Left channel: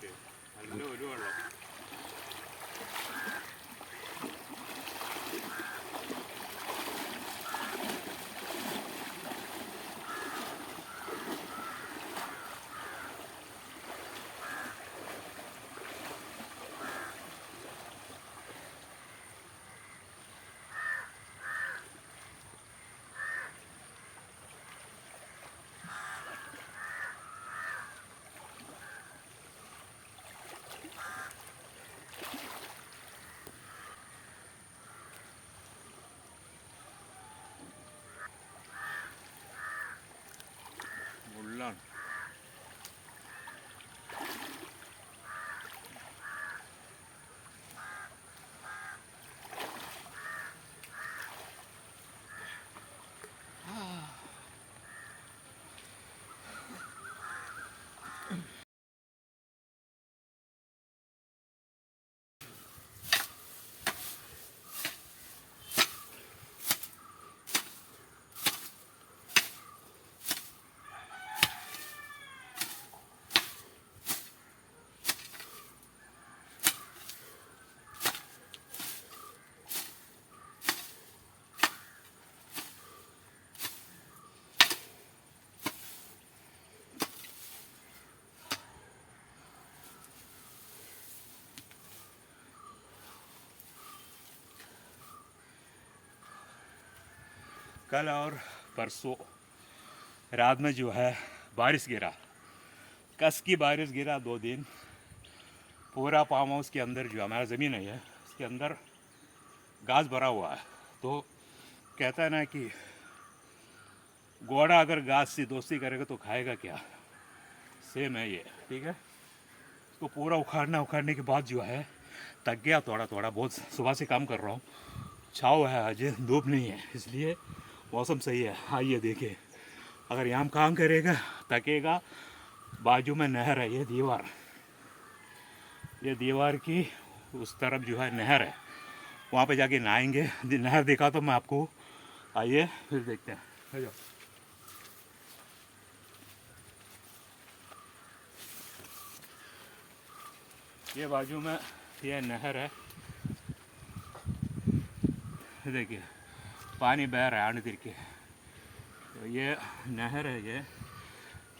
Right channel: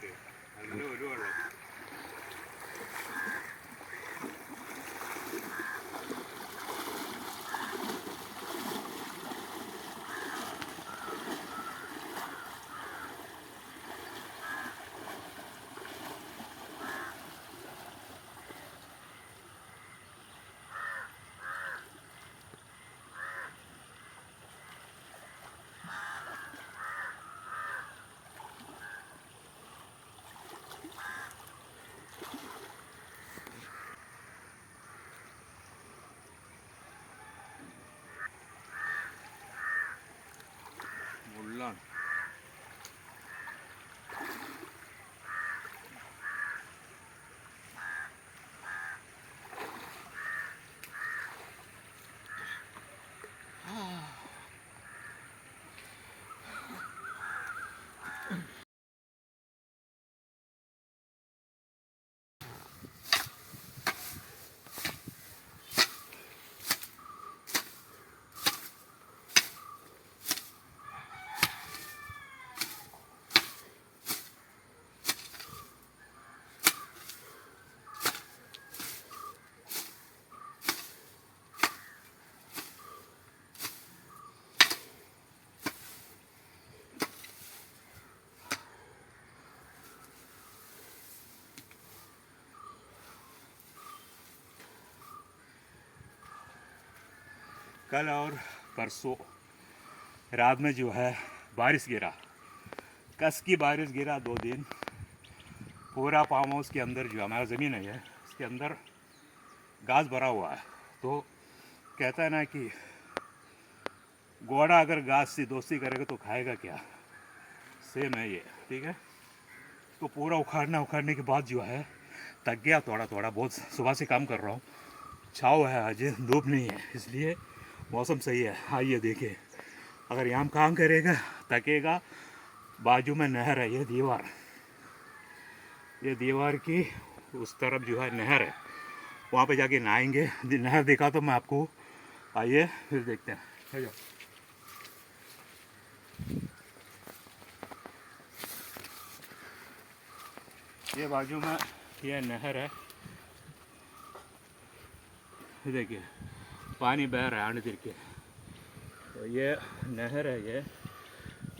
കാറ്റ് നല്ല ഒരു വെള്ളം. മുള്ളാണ്. कल और परसों रात में जो है बारिश गिरा, कस की बारिश गिरा 2 दिन। पूरा फार्म हाउस के अंदर जो हमारा ज़मीन है इसके अंदर घास भरा हुआ है। तो कहता है ना कि घोड़ा अगर घास से दोस्ती करेगा तो खाएगा क्या, सेम है ये। ठीक है, इसको पूरा उखाड़ने के बाद जो है थक गया थोड़ा थोड़ा बहुत। सुबह से काम कर रहा हूँ, छाँव है आज, धूप नहीं है, इसलिए मौसम सही है। आइए देखिए, अगर यहाँ काम करेगा थकेगा। बाजू में नहर है, ये दीवार की उस तरफ जो है नहर है, वहाँ पे जाके नहाएंगे। नहर देखा तो मैं आपको, आइए फिर देखते हैं। आ जाओ। ये बाजू में ये नहर है, देखिए पानी बह रहा है आने गिर के। तो ये नहर है ये,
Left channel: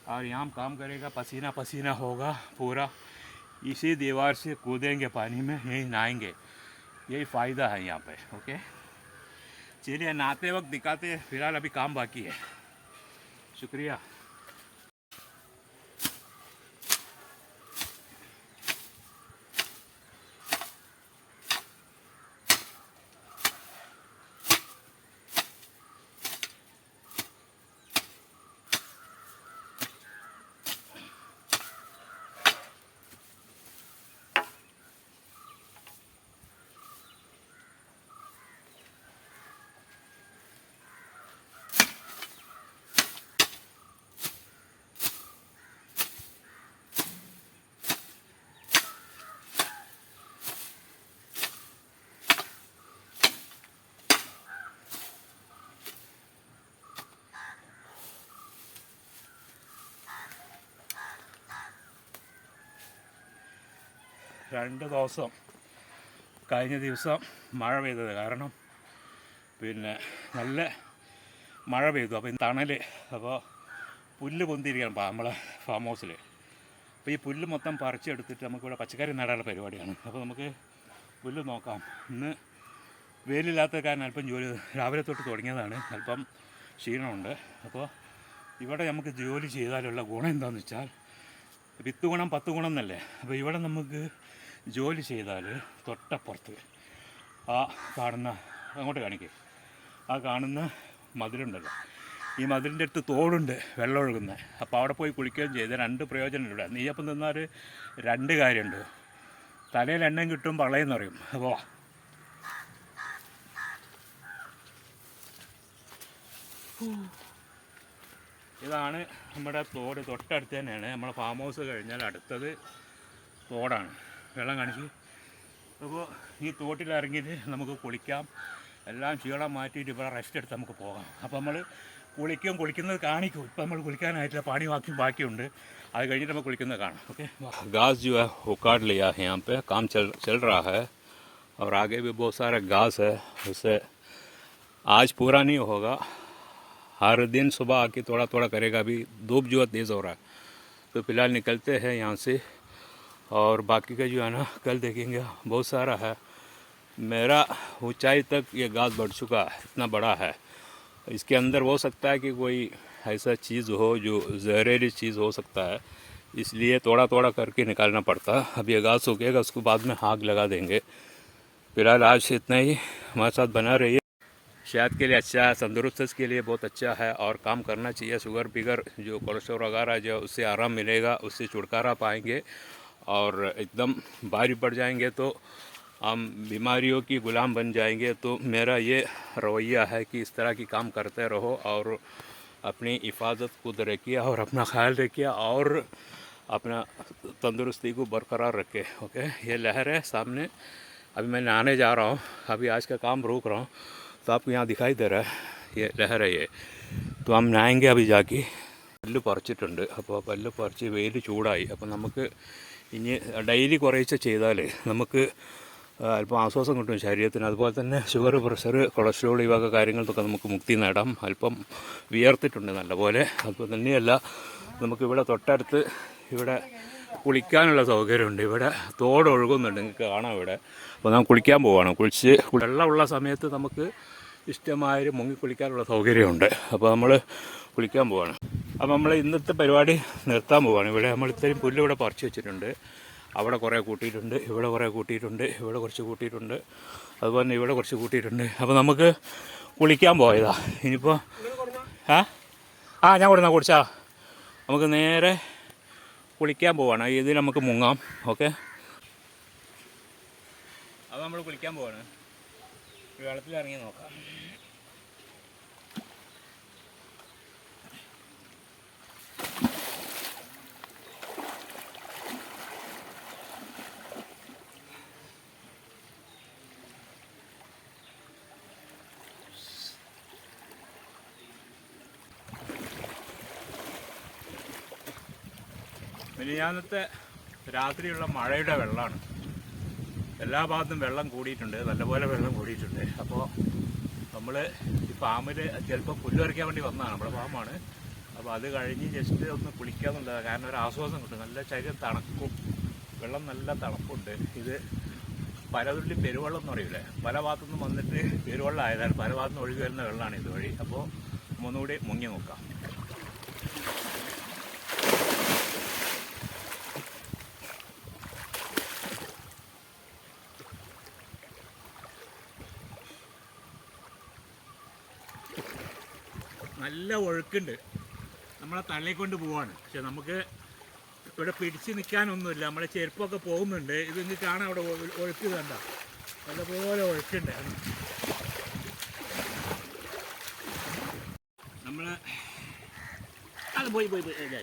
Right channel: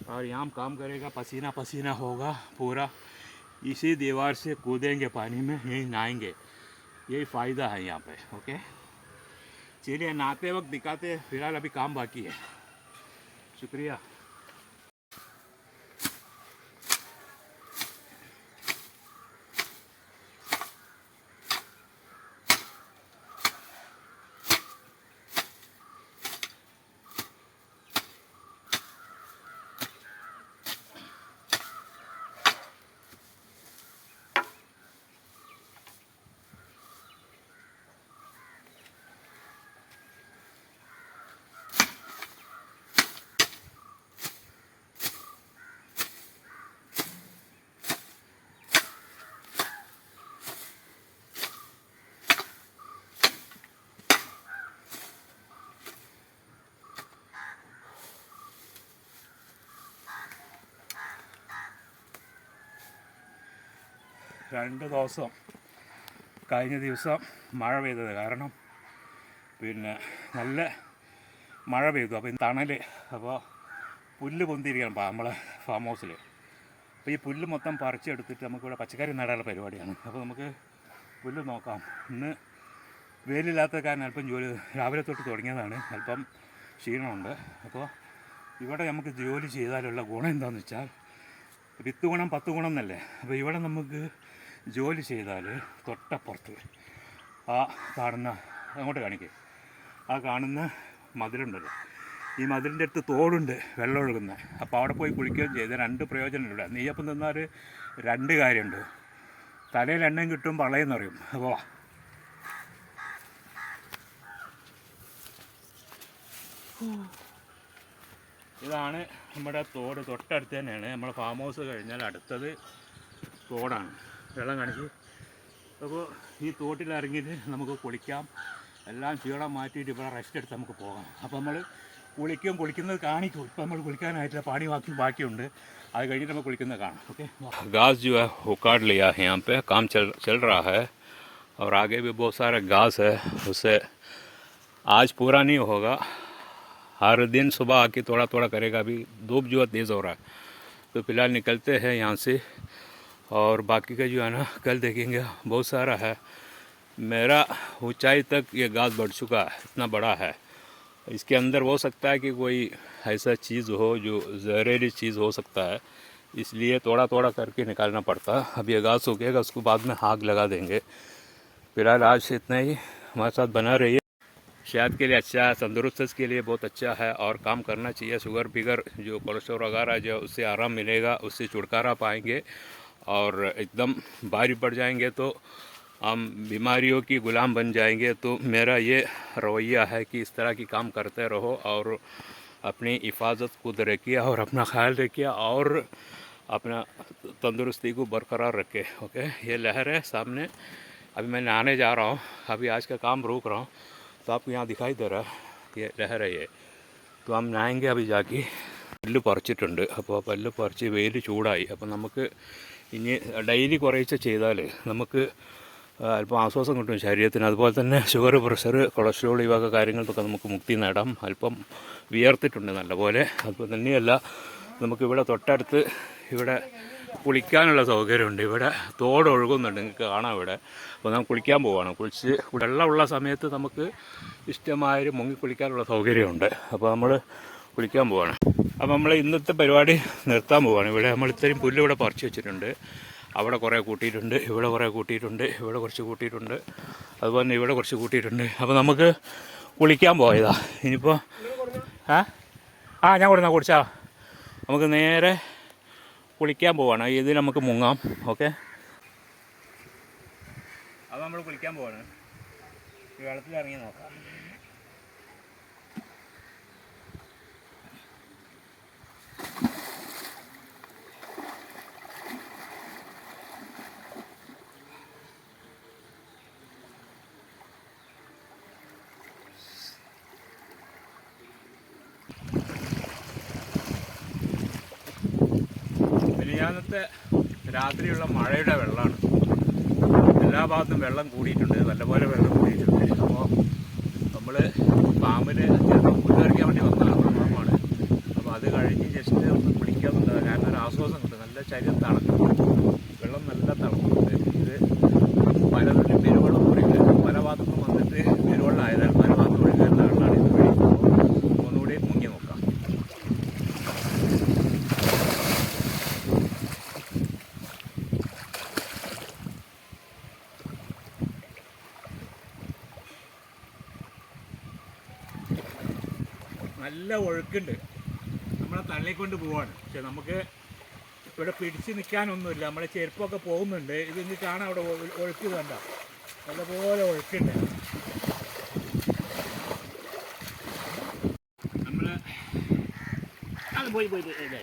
और यहाँ काम करेगा, पसीना पसीना होगा पूरा। इसी दीवार से कूदेंगे पानी में, यहीं नहाएंगे, यही फ़ायदा है यहाँ पे। ओके, चलिए नहाते वक्त दिखाते हैं, फिलहाल अभी काम बाकी है। शुक्रिया। കഴിഞ്ഞ ദിവസം മഴ പെയ്തത് കാരണം പിന്നെ നല്ല മഴ പെയ്തു. അപ്പോൾ ഇന്ന് തണൽ, അപ്പോൾ പുല്ല് പൊന്തിയിരിക്കണം നമ്മളെ ഫാം ഹൗസിൽ. അപ്പോൾ ഈ പുല്ല് മൊത്തം പറിച്ചെടുത്തിട്ട് നമുക്കിവിടെ പച്ചക്കറി നടാനുള്ള പരിപാടിയാണ്. അപ്പോൾ നമുക്ക് പുല്ല് നോക്കാം. ഇന്ന് വെയിലില്ലാത്ത കാരണം അല്പം ജോലി രാവിലെ തൊട്ട് തുടങ്ങിയതാണ്, അല്പം ക്ഷീണമുണ്ട്. അപ്പോൾ ഇവിടെ നമുക്ക് ജോലി ചെയ്താലുള്ള ഗുണം എന്താണെന്ന് വെച്ചാൽ, 10 ഗുണം 10 ഗുണം എന്നല്ലേ. അപ്പോൾ ഇവിടെ നമുക്ക് ജോലി ചെയ്താൽ തൊട്ടപ്പുറത്ത് ആ കാണുന്ന, അങ്ങോട്ട് കാണിക്കേ, ആ കാണുന്ന മതിലുണ്ടല്ലോ, ഈ മതിലിൻ്റെ അടുത്ത് തോടുണ്ട്, വെള്ളം ഒഴുകുന്നത്. അപ്പോൾ അവിടെ പോയി കുളിക്കുകയും ചെയ്ത് 2 പ്രയോജനമില്ല. നെയ്യപ്പം തിന്നാൽ 2 കാര്യമുണ്ട്, തലയിൽ എണ്ണയും കിട്ടും, പളയെന്ന് പറയും. അപ്പോൾ ഇതാണ് നമ്മുടെ തോട്, തൊട്ടടുത്ത് തന്നെയാണ്. നമ്മുടെ ഫാം ഹൗസ് കഴിഞ്ഞാൽ അടുത്തത് തോടാണ്. വെള്ളം കാണിച്ച്. അപ്പോൾ ഈ തോട്ടിലിറങ്ങിയിട്ട് നമുക്ക് കുളിക്കാം, എല്ലാം ക്ഷീണം മാറ്റിയിട്ട് ഇവിടെ റെസ്റ്റ് എടുത്ത് നമുക്ക് പോകാം. അപ്പോൾ നമ്മൾ കുളിക്കുന്നത് കാണിക്കും. ഇപ്പം നമ്മൾ കുളിക്കാനായിട്ടില്ല, पानी ബാക്കിയുണ്ട്. അത് കഴിഞ്ഞിട്ട് നമ്മൾ കുളിക്കുന്നത് കാണാം. ओके, घास जो है वो काट लिया है, यहाँ पे काम चल रहा है और आगे भी बहुत सारा घास है. उससे आज पूरा नहीं होगा, हर दिन सुबह आके थोड़ा थोड़ा करेगा. अभी धूप जो है तेज़ हो रहा है, तो फिलहाल निकलते हैं यहाँ से और बाकी का जो है ना कल देखेंगे. बहुत सारा है, मेरा ऊंचाई तक ये घास बढ़ चुका है, इतना बड़ा है. इसके अंदर हो सकता है कि कोई ऐसा चीज़ हो जो जहरीली चीज़ हो सकता है, इसलिए थोड़ा थोड़ा करके निकालना पड़ता. अब ये घास सूखेगा, उसको बाद में आग लगा देंगे. फिलहाल आज से इतना ही, हमारे साथ बना रहिए. सेहत के लिए अच्छा है, तंदुरुस्त के लिए बहुत अच्छा है और काम करना चाहिए. शुगर बिगर जो कोलेस्ट्रॉल वगैरह जो उससे आराम मिलेगा, उससे छुटकारा पाएंगे. और एकदम भारी पड़ जाएंगे तो हम बीमारियों की गुलाम बन जाएंगे. तो मेरा ये रवैया है कि इस तरह की काम करते रहो और अपनी हिफाजत खुद रखिए और अपना ख्याल रखिए और अपना तंदुरुस्ती को बरकरार रखें. ओके, ये लहर है सामने. अभी मैं नहाने जा रहा हूँ, अभी आज का काम रोक रहा हूँ. तो आपको यहाँ दिखाई दे रहा है ये लहर है ये. तो हम नहाएंगे अभी जाके. പല്ല് പറിച്ചിട്ടുണ്ട്. അപ്പോൾ പല്ല് പറിച്ച് വെയിൽ ചൂടായി. അപ്പോൾ നമുക്ക് ഇനി ഡെയിലി കുറേശ്ശെ ചെയ്താൽ നമുക്ക് അല്പം ആശ്വാസം കിട്ടും ശരീരത്തിന്. അതുപോലെ തന്നെ ഷുഗർ, പ്രഷർ, കൊളസ്ട്രോൾ ഈ വക കാര്യങ്ങൾക്കൊക്കെ നമുക്ക് മുക്തി നേടാം. അല്പം വിയർത്തിട്ടുണ്ട് നല്ലപോലെ. അതുപോലെ തന്നെയല്ല, നമുക്കിവിടെ തൊട്ടടുത്ത് ഇവിടെ കുളിക്കാനുള്ള സൗകര്യമുണ്ട്. ഇവിടെ തോട് ഒഴുകുന്നുണ്ട്, നിങ്ങൾക്ക് കാണാം ഇവിടെ. അപ്പോൾ നമ്മൾ കുളിക്കാൻ പോവുകയാണ്. കുളിച്ച് വെള്ളമുള്ള സമയത്ത് നമുക്ക് ഇഷ്ടമായൊരു മുങ്ങി കുളിക്കാനുള്ള സൗകര്യമുണ്ട്. അപ്പോൾ നമ്മൾ കുളിക്കാൻ പോവുകയാണ്. അപ്പോൾ നമ്മൾ ഇന്നത്തെ പരിപാടി നിർത്താൻ പോവുകയാണ്. ഇവിടെ നമ്മൾ ഇത്രയും പുല്ല് ഇവിടെ പറിച്ച് വെച്ചിട്ടുണ്ട്. അവിടെ കുറേ കൂട്ടിയിട്ടുണ്ട്, ഇവിടെ കുറേ കൂട്ടിയിട്ടുണ്ട്, ഇവിടെ കുറച്ച് കൂട്ടിയിട്ടുണ്ട്, അതുപോലെ തന്നെ ഇവിടെ കുറച്ച് കൂട്ടിയിട്ടുണ്ട്. അപ്പോൾ നമുക്ക് കുളിക്കാൻ പോയതാ. ഇനിയിപ്പോൾ ഞാൻ കൊടുന്നാ കുടിച്ചാ നമുക്ക് നേരെ കുളിക്കാൻ പോവാണ്. ഇതിൽ നമുക്ക് മുങ്ങാം. ഓക്കെ, അപ്പോൾ നമ്മൾ കുളിക്കാൻ പോവാണ്. വെള്ളത്തിൽ ഇറങ്ങി നോക്കാം. മിനിഞ്ഞാന്നത്തെ രാത്രിയുള്ള മഴയുടെ വെള്ളമാണ്. എല്ലാ ഭാഗത്തും വെള്ളം കൂടിയിട്ടുണ്ട്, നല്ലപോലെ വെള്ളം കൂടിയിട്ടുണ്ട്. അപ്പോൾ നമ്മൾ ഫാമിൽ ചിലപ്പോൾ പുല്ല് പറിക്കാൻ വേണ്ടി വന്നതാണ്. നമ്മുടെ ഫാമാണ്. അപ്പോൾ അത് കഴിഞ്ഞ് ജസ്റ്റ് ഒന്ന് കുളിക്കാമെന്നുണ്ട്. കാരണം ഒരു ആശ്വാസം കിട്ടും. നല്ല ശരീരം തണുക്കും, വെള്ളം നല്ല തണുപ്പുണ്ട്. ഇത് പലതുള്ളി പെരുവെള്ളം പറയുന്നത് പല ഭാഗത്തുനിന്നും വന്നിട്ട് പെരുവെള്ളം ആയതാണ്. പല ഭാഗത്തും ഒഴുകി വരുന്ന വെള്ളമാണ് ഇത് വഴി. അപ്പോൾ ഒന്നുകൂടി മുങ്ങി നോക്കാം. നല്ല ഒഴുക്കുണ്ട്, നമ്മളെ തള്ളിക്കൊണ്ട് പോവാണ്. പക്ഷെ നമുക്ക് ഇവിടെ പിടിച്ച് നിൽക്കാനൊന്നുമില്ല. നമ്മളെ ചെരുപ്പൊക്കെ പോകുന്നുണ്ട്. ഇത് ഇങ്ങ് കാണാൻ അവിടെ ഒഴുക്ക് കണ്ട നല്ലപോലെ ഒഴുക്കുണ്ട്. നമ്മൾ അത് പോയി ഇല്ല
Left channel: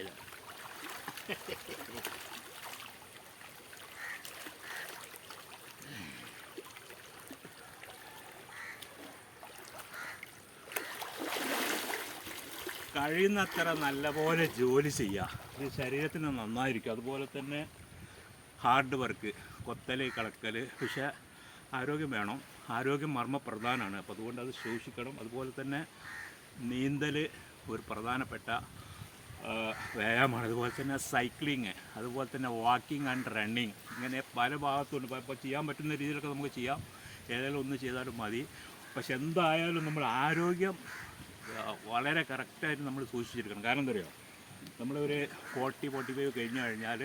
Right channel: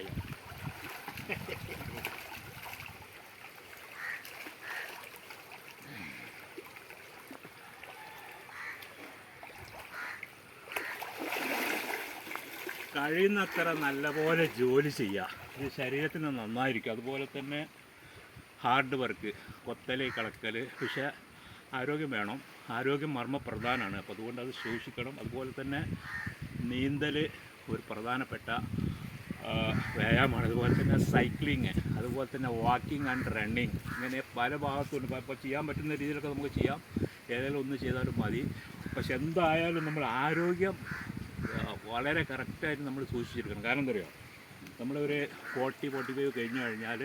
കഴിയുന്നത്ര നല്ലപോലെ ജോലി ചെയ്യുക. ഇത് ശരീരത്തിന് നന്നായിരിക്കും. അതുപോലെ തന്നെ ഹാർഡ് വർക്ക്, കൊത്തൽ, കളക്കൽ. പക്ഷേ ആരോഗ്യം വേണം. ആരോഗ്യം മർമ്മപ്രധാനമാണ്. അപ്പോൾ അതുകൊണ്ട് അത് സൂക്ഷിക്കണം. അതുപോലെ തന്നെ നീന്തൽ ഒരു പ്രധാനപ്പെട്ട വ്യായാമമാണ്. അതുപോലെ തന്നെ സൈക്ലിങ്, അതുപോലെ തന്നെ വാക്കിംഗ് ആൻഡ് റണ്ണിങ്, ഇങ്ങനെ പല ഭാഗത്തുണ്ട്. ഇപ്പോൾ ചെയ്യാൻ പറ്റുന്ന രീതിയിലൊക്കെ നമുക്ക് ചെയ്യാം. ഏതെങ്കിലും ഒന്ന് ചെയ്താലും മതി. പക്ഷെ എന്തായാലും നമ്മൾ ആരോഗ്യം വളരെ കറക്റ്റായിട്ട് നമ്മൾ സൂക്ഷിച്ചിരിക്കണം. കാരണം എന്താ പറയുക, നമ്മളൊരു 45 കഴിഞ്ഞ് കഴിഞ്ഞാൽ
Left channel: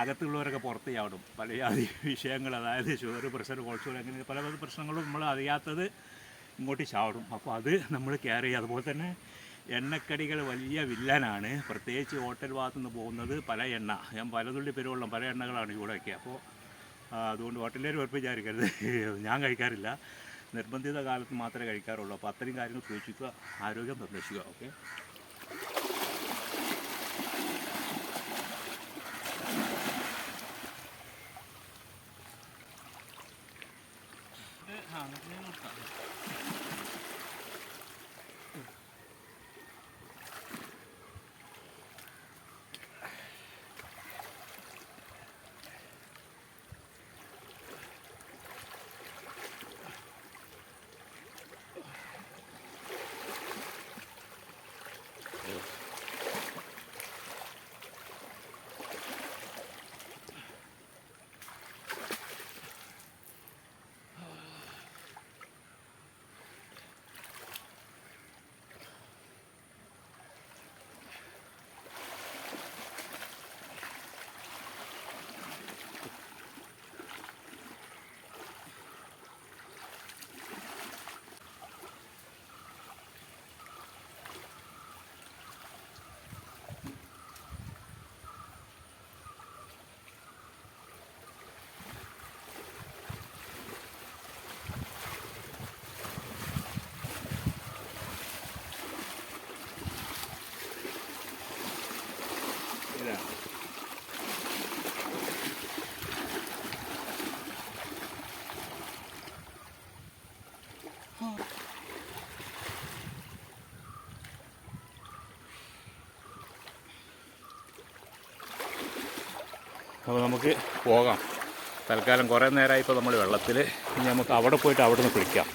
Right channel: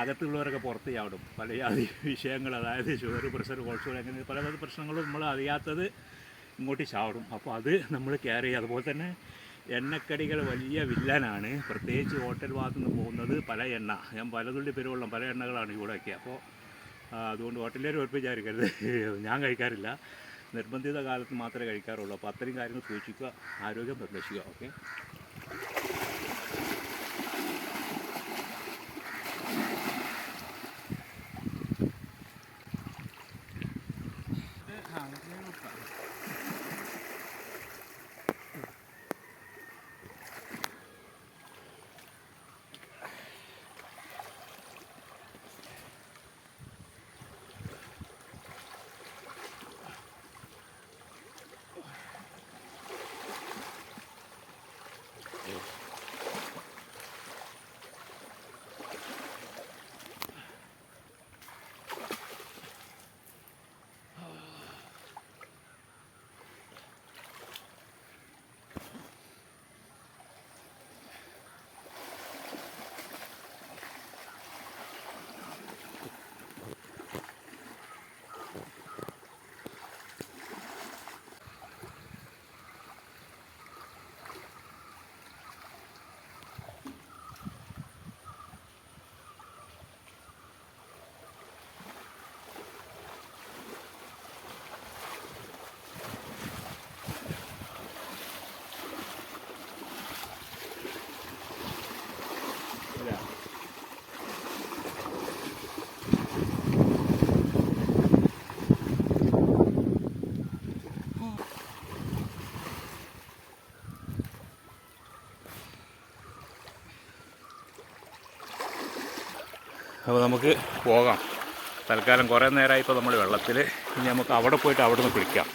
അകത്തുള്ളവരൊക്കെ പുറത്ത് ചാടും. പല ജാതി വിഷയങ്ങൾ, അതായത് ഷുഗർ, പ്രഷർ, കൊളസ്ട്രോൾ, അങ്ങനെ പല പല പ്രശ്നങ്ങളും നമ്മൾ അറിയാത്തത് ഇങ്ങോട്ട് ചാടും. അപ്പോൾ അത് നമ്മൾ കെയർ ചെയ്യുക. അതുപോലെ തന്നെ എണ്ണക്കടികൾ വലിയ വില്ലനാണ്. പ്രത്യേകിച്ച് ഹോട്ടൽ ഭാഗത്തു നിന്ന് പോകുന്നത് പല എണ്ണ, ഞാൻ പലതുള്ളി പെരുവെള്ളം, പല എണ്ണകളാണ് ഇവിടെയൊക്കെ. അപ്പോൾ അതുകൊണ്ട് ഹോട്ടലിൽ ഉറപ്പ് വിചാരിക്കരുത്, ഞാൻ കഴിക്കാറില്ല. നിർബന്ധിത കാലത്ത് മാത്രമേ കഴിക്കാറുള്ളൂ. അപ്പോൾ അത്രയും കാര്യങ്ങൾ സൂക്ഷിക്കുക, ആരോഗ്യം സംരക്ഷിക്കുക. ഓക്കെ, അപ്പോൾ നമുക്ക് പോകാം. തൽക്കാലം കുറേ നേരമായി ഇപ്പോൾ നമ്മൾ വെള്ളത്തിൽ. ഇനി നമുക്ക് അവിടെ പോയിട്ട് അവിടെ നിന്ന് കുളിക്കാം.